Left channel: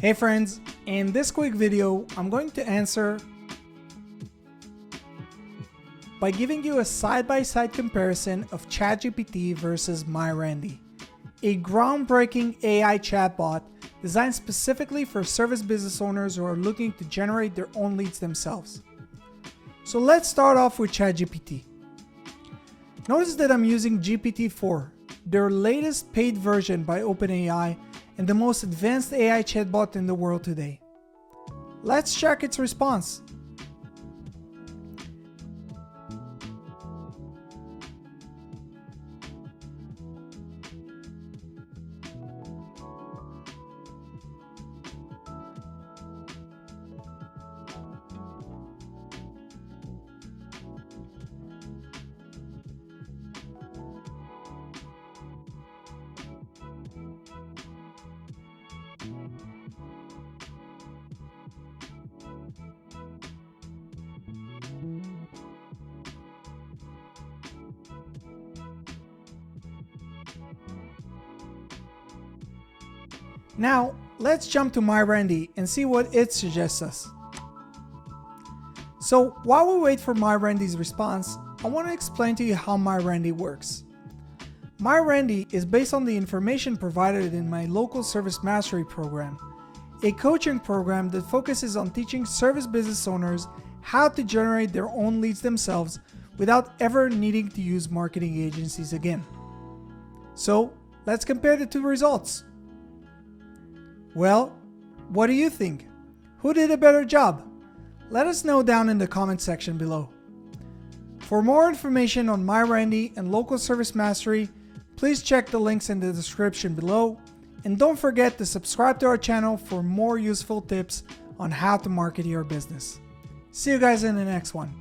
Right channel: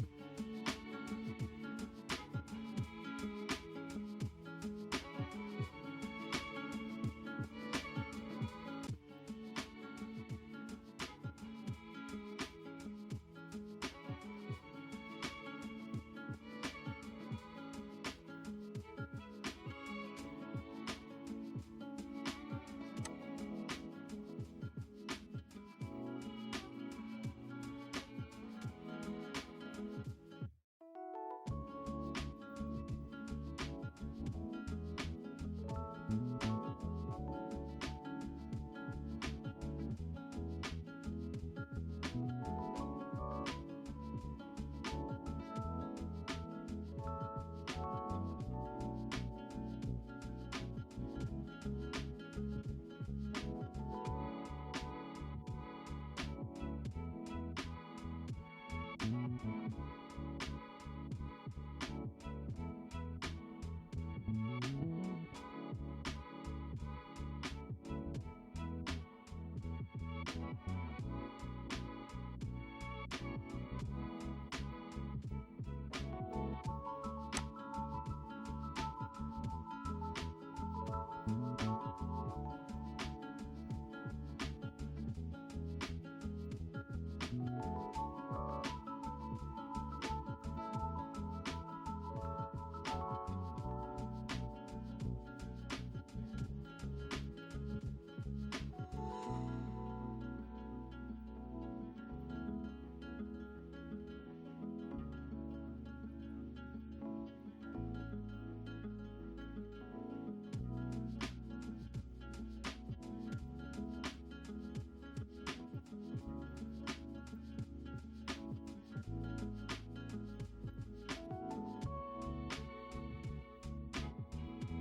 Hey friends, in this quick video, I'm going to answer by giving you a side-by-side comparison of ChatGPT versus MyRandy, a groundbreaking AI chatbot designed specifically for service business owners who are looking to generate their own leads themselves. So let's start off with ChatGPT. Notice that I'm using GPT-4, their latest paid version by OpenAI and the most advanced AI chatbot in the world today. Let's check its response. Now, let's jump to MyRandy and see what it suggests us. So, while we wait for MyRandy's response, I want to explain to you how MyRandy works. MyRandy is based on the information provided in my local service mastery program, a coaching program that focuses on teaching service business owners how to generate their own leads themselves without ever needing to use marketing agencies again. So, let's compare the two results. Well, what do you think? Who did a better job? Let us know down in the comment section below. For more information on MyRandy and Local Service Mastery, please check the links in the description below, and don't forget to subscribe to our channel for more useful tips on how to market your business. See you guys in the next one.